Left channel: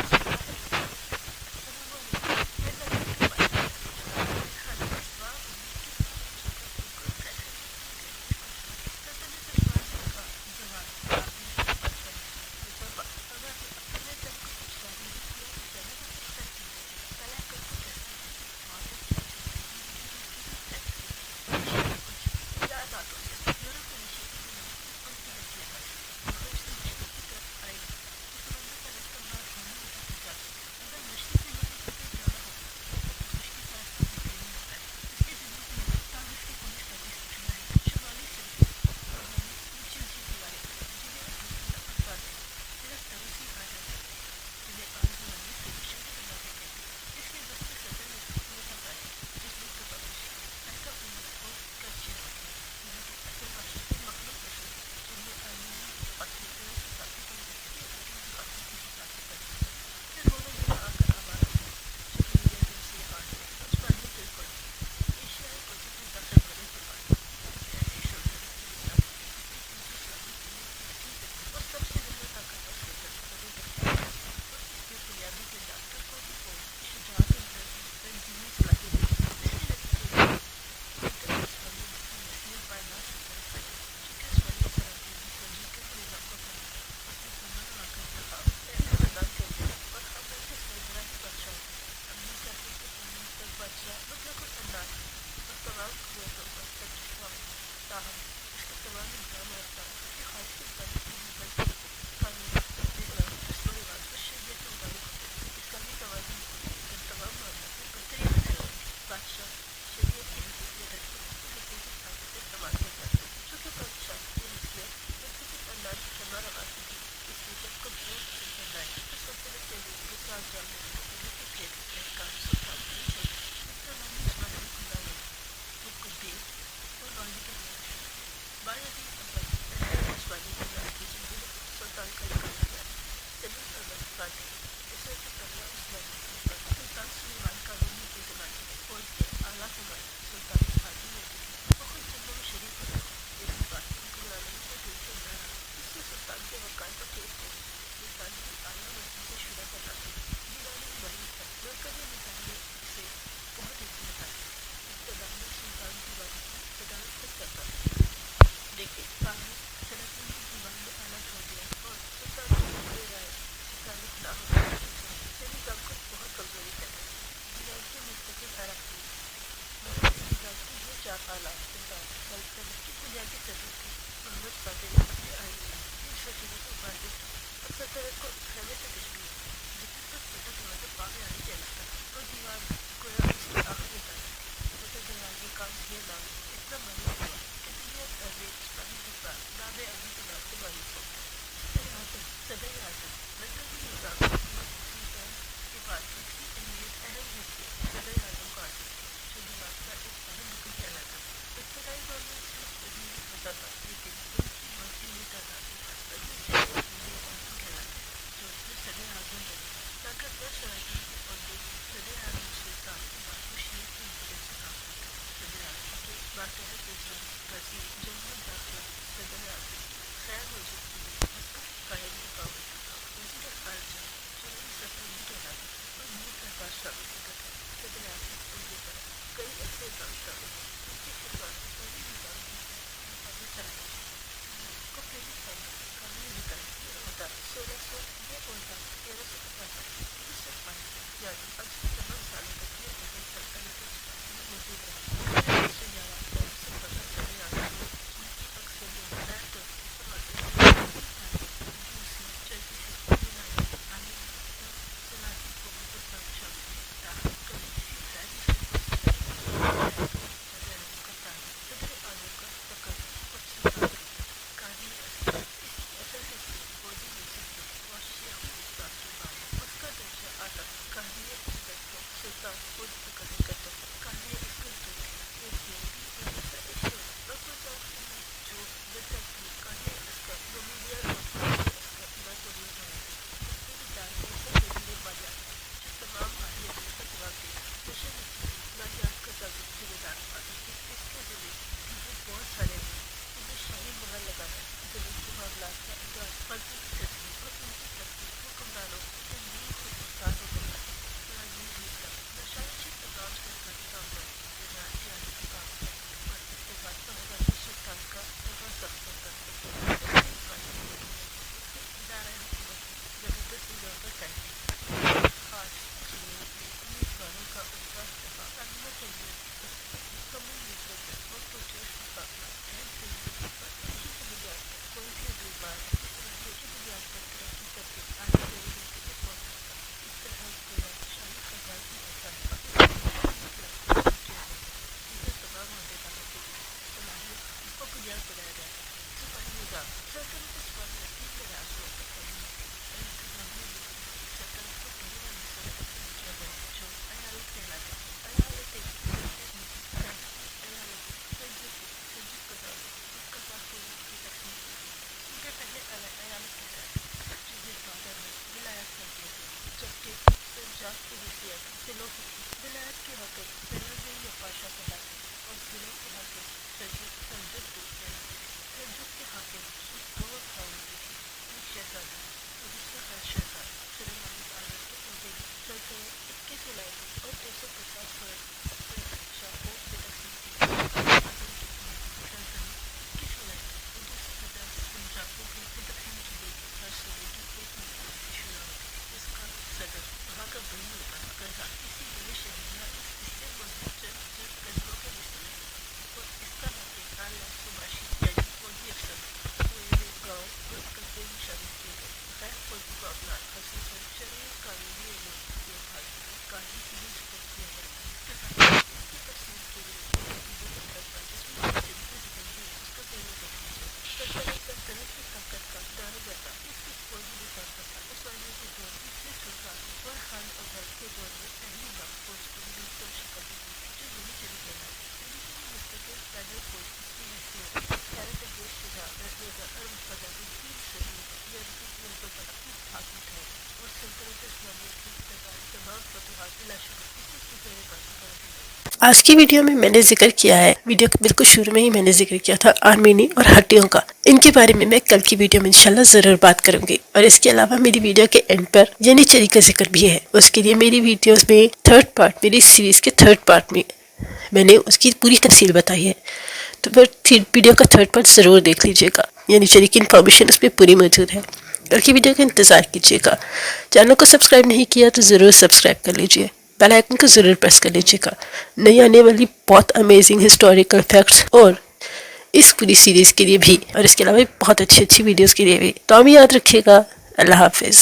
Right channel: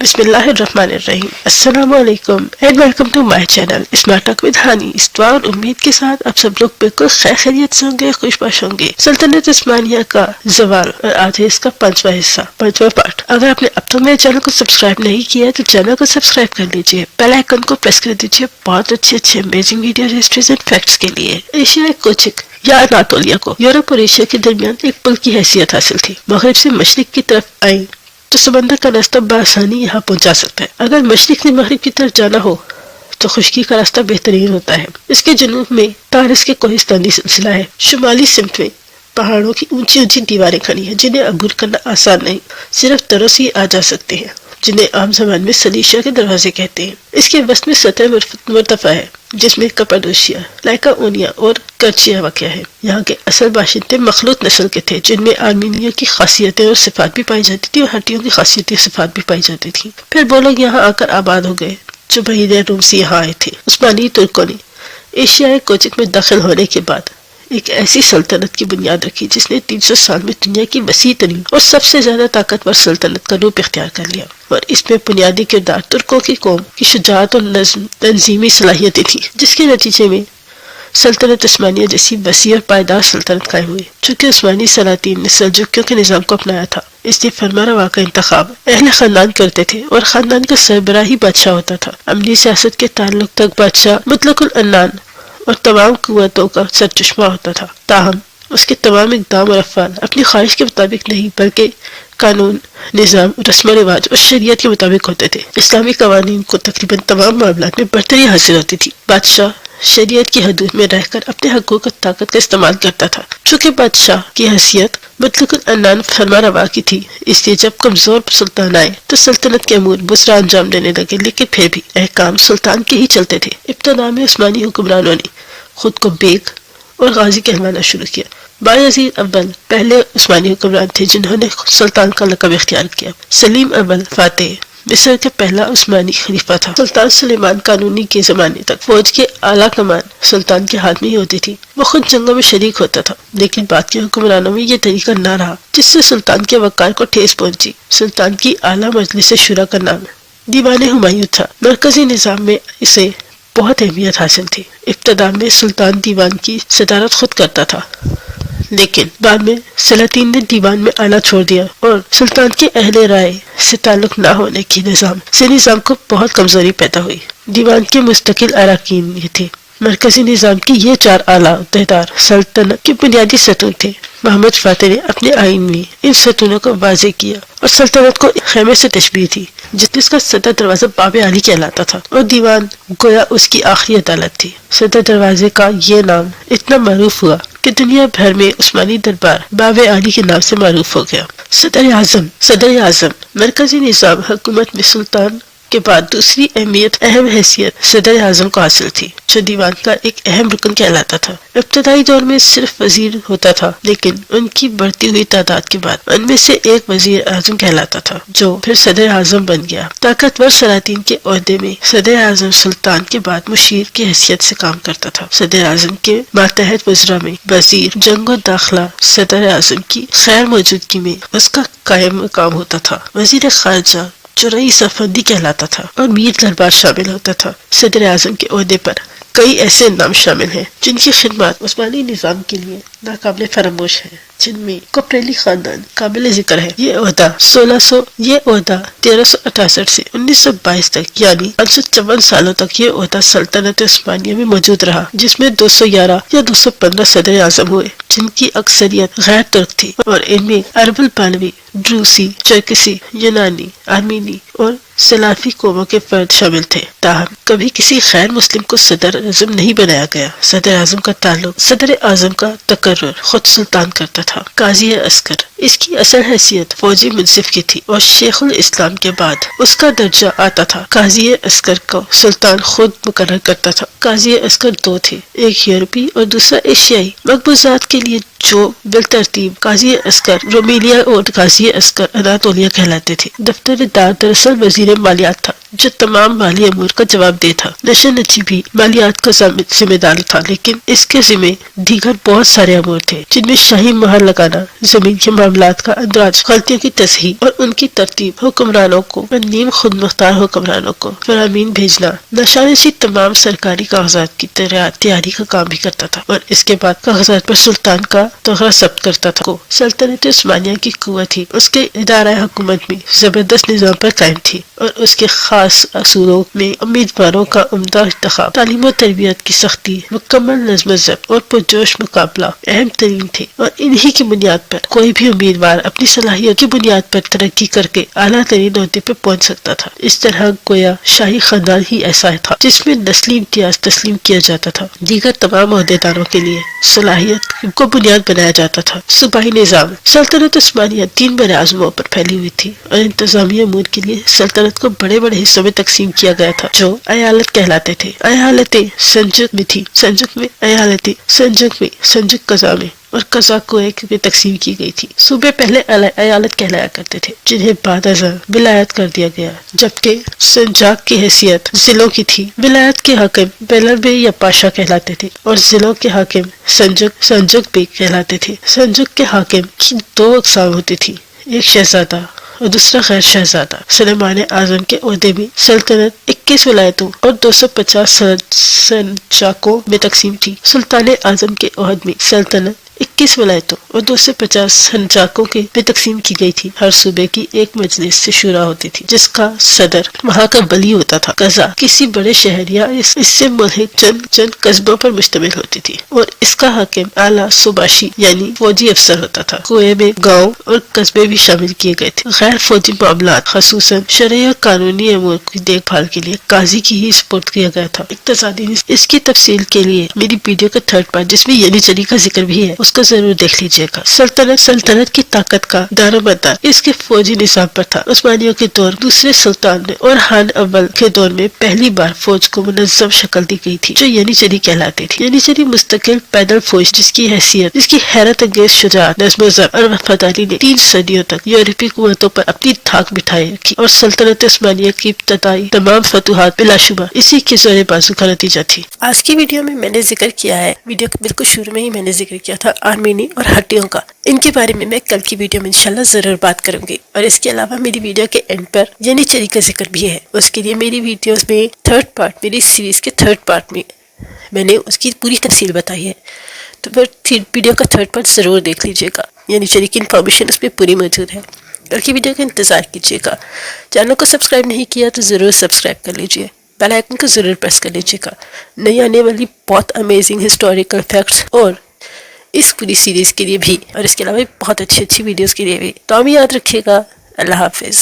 بسم اللہ الرحمن الرحیم. السلام علیکم and welcome to my channel smart talk with Hani. اس دعا اور امید کے ساتھ آپ سب لوگ بالکل خیر خیریت سے ہوں گے، خوش باش ہوں گے. سلطنت عثمانیہ کا زوال اور آج ہے اس کا 5واں حصہ، 5واں پارٹ. اگر آپ نے اب تک میرے چینل کو سبسکرائب نہیں کیا ہے تو چینل کو سبسکرائب کر لیجیے، بیل آئیکن کو پریس کر دیجیے بہت اچھے amazing video history's and facts کے لیے. ایشیا کوچک یا اناطولیہ کو یورپ اور ایشیا کے درمیان ایک پل کی حیثیت حاصل تھی. مغرب سے مشرق کی طرف آئیں تو سمندر کا راستہ بآسانی یہاں پہنچا سکتا ہے. اگر مشرق سے مغرب کی طرف جانا ہو تو خشکی کا راستہ بہترین ہوتا ہے. اس کے جنوب میں تارس کے کوہستانی سلسلہ ہے. شمالی سمت میں پہاڑوں کی اونچی دیواریں کھڑی ہیں جنہیں عبور کرنا آسان نہیں، صرف طرف سے ہی آ جا سکتے ہیں، جنہیں عام زبان میں سلیشیا کے دروازے کہتے ہیں. اس کے وسط میں سطح مرتفع ہے جس میں کپاڈوشیا، لائکاونیا اور کرچیا واقع ہے. یہاں کے اصل باشندے مخلوط نسل کے تھے جن میں آرمینیوں کی خاصیتیں اور صفات بھی پائی جاتی تھی اور ہٹیوں کی خاصیتیں اور صفات بھی پائی جاتی تھی. پھر وہ لوگ یہاں آ کر آباد ہو گئے جو بحیرہ روم سے یہاں آئے تھے. عثمانی ترکوں نے ایشیائی کوچک میں داخل ہونے کے بعد ایک ایسی سلطنت کی بنیاد رکھی جس نے 300 سال میں دنیا کی وسیع ترین اور سب سے زیادہ طاقتور سلطنت کا روپ اختیار کر لیا. اور اس میں بنیادی کردار ترکوں کی قوم کی شجاعت اور تنظیمی صلاحیتیں تھیں، جس کے نتیجے میں سلطنت عثمانیہ جیسی وسیع اور پائیدار سلطنت قائم ہوئی. چونکہ عثمانی سلاطین نے سلجوکیوں کے نظام کو اپنایا تھا، اس لیے فرمانروا کا انتخاب اہل خاندان کرتے تھے اور خاندان کا سربراہی بادشاہ ہوتا تھا. عملی سیاست کے تعلق تک بادشاہ مطلق العنان اور تمام قوتوں کا سرچشمہ ہوتا تھا. تاہم اس کے تمام اقدام اور افعال اپنی خواہش کے مطابق نہیں بلکہ قانون، نظام، رسم و رواج اور شریعت کے مطابق ہوتے تھے. اسلامی قوانین کو تقریباً تمام معاملات میں برتری حاصل ہوتی تھی. بادشاہ شریعت کی حدود میں رہ کر اپنے حقوق اور طاقت کا استعمال کرتا تھا. چونکہ بادشاہ کی حیثیت مطلق العنان فرمانروا کی تھی، اس لیے جب کمزور سلطان آئے تو سلطنت کے امور بسرا انجام دینے لگے، لیکن پھر بھی احکام سلطان کے ہی چلتے تھے. ابتدا میں عثمانی حکمرانوں نے خود کو بیگ اور غازی کہلانا شروع کیا. بایزید اول پہلے عثمانی حکمران تھے جنہوں نے سلطان کا لقب اختیار کیا. سلیم اول فاتح مصر کے پہلا عثمانی خلیفہ تھا. سلطان سلیمان قانونی کے زمانے تک فوج کے اعلیٰ کمان سلطان کے ہاتھ میں ہی ہوتی تھی. وہ خود جنگوں میں شریک ہوتا تھا، لیکن بعد کے حکمرانوں میں یہ طریقہ نہ رہا، جس سے سلطان کے وقار کو ٹھیس پہنچی. سلطان کی اعلیٰ مجلس شورا کا نام دیوان ہمایوں تھا. مرکزی نظام میں اسے بہت اہمیت حاصل تھی. ابتدا میں سلطان دیوان کی صدارت خود کرتا تھا، لیکن بعد میں سلاطین نے دیوان میں آنا چھوڑ دیا اور سلطان کے اہل رائے سے تعلق نہ ہونے کی نظام کو بہت کمزوری پیدا ہوئی. دیوان کے مستقل اراکین یہ تھے. مرکزی نظام کی یہ 4 اعلیٰ عہدیدار سلطنت کے بنیادی ستون تھے. محمد فاتح نے اپنے آئین میں ان ستونوں کو واضح کیا اور سلطنت کو خیمے سے تشبیہ دی جس کا صدر دروازہ باب علی کہلاتا تھا اور دیوان گویا اس کی آخری عدالت تھی. صدر دروازے کا یہ نام اتنا معروف ہوا کہ دنیا بھر میں عثمانی دربار باب علی کے نام سے معروف ہو گیا. صدر اعظم مرکزی نظام حکومت میں سلطان کے بعد دوسری اہم حیثیت صدر اعظم کو حاصل تھی، جو دیوان کا ایک اہم رکن کہلاتا تھا. ابتدائی دور میں صرف وزیر ہوتا تھا، لیکن ان کی بڑھتی ہوئی تعداد کے بعد ان میں سے ایک وزیر اعظم کہلاتا تھا جو پھر صدر اعظم بن گیا. طاقتور سلاطین کے عہدے میں صدر اعظم سلطان کے بعد مشیر کی حیثیت سے کام کرتا تھا. صدر اعظم کے ماتحت وزراء میں وزیر جنگ و داخلہ صدر اعظم کی خیر موجودگی میں اس کا قائم مقام ہوتا تھا. وزیر خارجہ جو رئیس افندی کہلاتا تھا اور میر دربار شامل ہوتا تھا. صدر اعظم کے عہدے پر کئی ایسے نام شامل ہیں جن کی خدمات عثمانی نظام کے لیے ناقابل فراموش ہیں، جن میں کوپریلی خاندان قابل ذکر ہے. یہ عہدہ 1368 سے 1922 تک یعنی 554 سالوں تک یہ عہدہ سلطنت عثمانیہ میں موجود رہا، جس میں 211 یا 215 صدر اعظم ہوئے جن کی اکثریت غیر ترک تھی، اور ان میں عرب الپالوی، روسی، چرکسی، یونانی، آرمینی اور سلافی قوموں کے فرد شامل تھے. تاہم کبھی کسی غیر مسلم کو صدر اعظم نہیں بنایا گیا. صدر اعظم کا تعلق صدر اعظم کا تقرر خود سلطان کرتا تھا. قاضی عسکر اس کی اصل حیثیت فوجی منصف کی تھی اور شیخ الاسلام کے بعد اس کا درجہ آتا تھا. قاضی عسکر کو سلطان خود مقرر کرتا تھا. قاضی عسکر 2 تھے، ایک یورپی اور دوسرا ایشیائی. مقبوضات کے لیے جو بالترتیب قاضی عسکر رومیلیا اور قاضی عسکر اناطولیہ کہلاتے تھے. دفتر دار دراصل وزیر مالیات تھا. جو تمام مالی امور کا جواب دہ تھا۔ نشہ نچی بھی مالیات کا ذمہ دار تھا، لیکن اس کے ذمہ دیگر بہت سارے امور تھے، جن میں شاہی مہر لگانا، زمین کے معاملات کا اندراج، غلطیوں کی تصحیح اور ان کی ترتیب، حکمرانوں کو اور نیم خود مختار حکمرانوں کو فرامین بھیجنا۔ نشہ نچی تمام سرکاری کاغذات کی تیاری کا کام بھی کرتا تھا اور اس کے بعد کاغذات پر سلطان کا تغرہ ثبت کرتا تھا۔ سلطنت عثمانیہ کی قوت ہی اس کے ادارہ حکومت میں زبردست نظام پر قائم تھی اور اس کے خاص اصولوں میں امیدواروں کا عمدہ انتخاب، تعلیم و تربیت کی سختی، مکمل نظم و ضبط اور پرجوش مقابلہ اہم ترین تھے، اور انہی کی بنیاد پر کوئی بھی امیدوار اپنی صلاحیت کی بنیاد پر ترقی کر کے اعلیٰ ترین عہدے پہ پہنچ سکتا تھا۔ اس طرح گویا شاہی خاندان ہی ایسا تھا جس میں نسلی امتیاز تسلیم کیا جاتا تھا، دیگر تمام عہدیداروں کے لیے صلاحیت کو بنیاد بنایا جاتا تھا۔ صوبائی نظام، سلطنت عثمانیہ 3 بڑے اعظموں پر پھیلی ہوئی تھی اور انتظامی امور کے لیے سلطنت کو بڑے بڑے حصوں میں تقسیم کیا گیا تھا جو ایالت کہلاتے تھے۔ ایالتیں سلجوق میں تھی، سلجوق میں ایالتیں سلجوق قضا میں اور قضا کویت میں تقسیم کی گئی تھی۔ صوبے پہلے ایالت کہلایا کرتے تھے جنہیں بعد ازاں ولایت کر دیا گیا، جبکہ سنجاق کی حیثیت ضلعوں کی تھی۔ ولایت کے حاکم بیلر یا پاشا کہلاتے تھے اور ضلعوں کے حاکم سنجوق بے کہلاتے تھے۔ سنجوق کے حاکم کی 2 اقسام ہوتی تھی، ایک شہزادہ اور دوسرا غیر شہزادہ۔ سلیمان اعظم کے عہدے میں سلطنت 21 ولایتوں اور 250 سنجاقوں میں تقسیم تھی۔ سلطان اعظم کے عہد میں سلطنت 21 ولایتوں اور 250 سنجاقوں کے میں تقسیم کی گئی تھی۔ ہر صوبے کی ایک مجلس سے شورا ہوتی تھی جس کا صدر وہاں کا ولی ہوتا تھا۔ قضا کسی بڑے شہر یا اس سے ملحق چند قصبوں پر مشتمل ہوتی تھی اور اس کا حاکم اعلیٰ صوباشی یعنی فوجی افسر ہوتا تھا۔ کوئے میں گاؤں اور قصبے بھی شامل کیے گئے تھے۔ غیر فوجی معاملات خصوصاً شرعی اور قانونی امور کی دیکھ بھال کے لیے قاضی کی ہی سپرد کیا گیا تھا۔ اقتصادی اس کی تفصیل کے لیے میری ویڈیو کا 3rd پارٹ جس میں ینیچری کا ذکر بھی ہے اس کو ضرور دیکھ لیجیے گا۔ سلطنت کی طاقت کا دار و مدار اس کے فوجی نظام پر تھا۔ عثمانیوں کے دور دوسرے سلطان نے اور خان اول کے دور میں پہلی بار فوج کو منظم شکل دی گئی تھی جو ینیچری کہلاتی تھی۔ ینیچری مستقل پیدل فوج جس کی حیرت انگیز شجاعت، نظم و ضبط اور وفاداری نے 3 صدیوں تک یورپی قوتوں پر اپنی دھاک بٹھائے رکھی اور سلطنت عثمانیہ کی ابتدائی تمام فتوحات بلا شبہ اسی کے زور بازو کا نتیجہ تھی۔ آج کی ویڈیو میں نے ذکر کیا ہے، ویڈیو کے بالکل شروع میں ہی میں نے ذکر کیا تھا آرمینی اور ہٹیوں کا۔ ان کے بارے میں کل کی ویڈیو میں انشاءاللہ ضرور بات کروں گی، اور اس کے علاوہ میری ویڈیو کے اینڈ پر ینیچری کا ذکر بھی ہے۔ اس کے لیے میری ویڈیوز میں 3rd پارٹ، میری سیریز کے 3rd پارٹ میں نے اس کی پوری تفصیل بتائی ہے، تو پھر ویڈیو کا 3rd پارٹ ضرور دیکھ لیجیے گا۔ ینیچری کی انفارمیشن اس میں پوری موجود ہے۔ کل کی ویڈیو کا انتظار کیجیے گا۔ چینل کو سبسکرائب نہیں کیا تو ضرور سبسکرائب کر لیجیے، بیل آئیکن کو ضرور پریس کر لیجیے گا۔ نئی آنے والی بہت امیزنگ ہسٹوریکل فیکٹس اور اس پوری سیریز کے لیے بھی، اور اس کے علاوہ بہت اچھی ویڈیوز کے لیے بھی تو یاد رکھیے گا۔ اللہ حافظ۔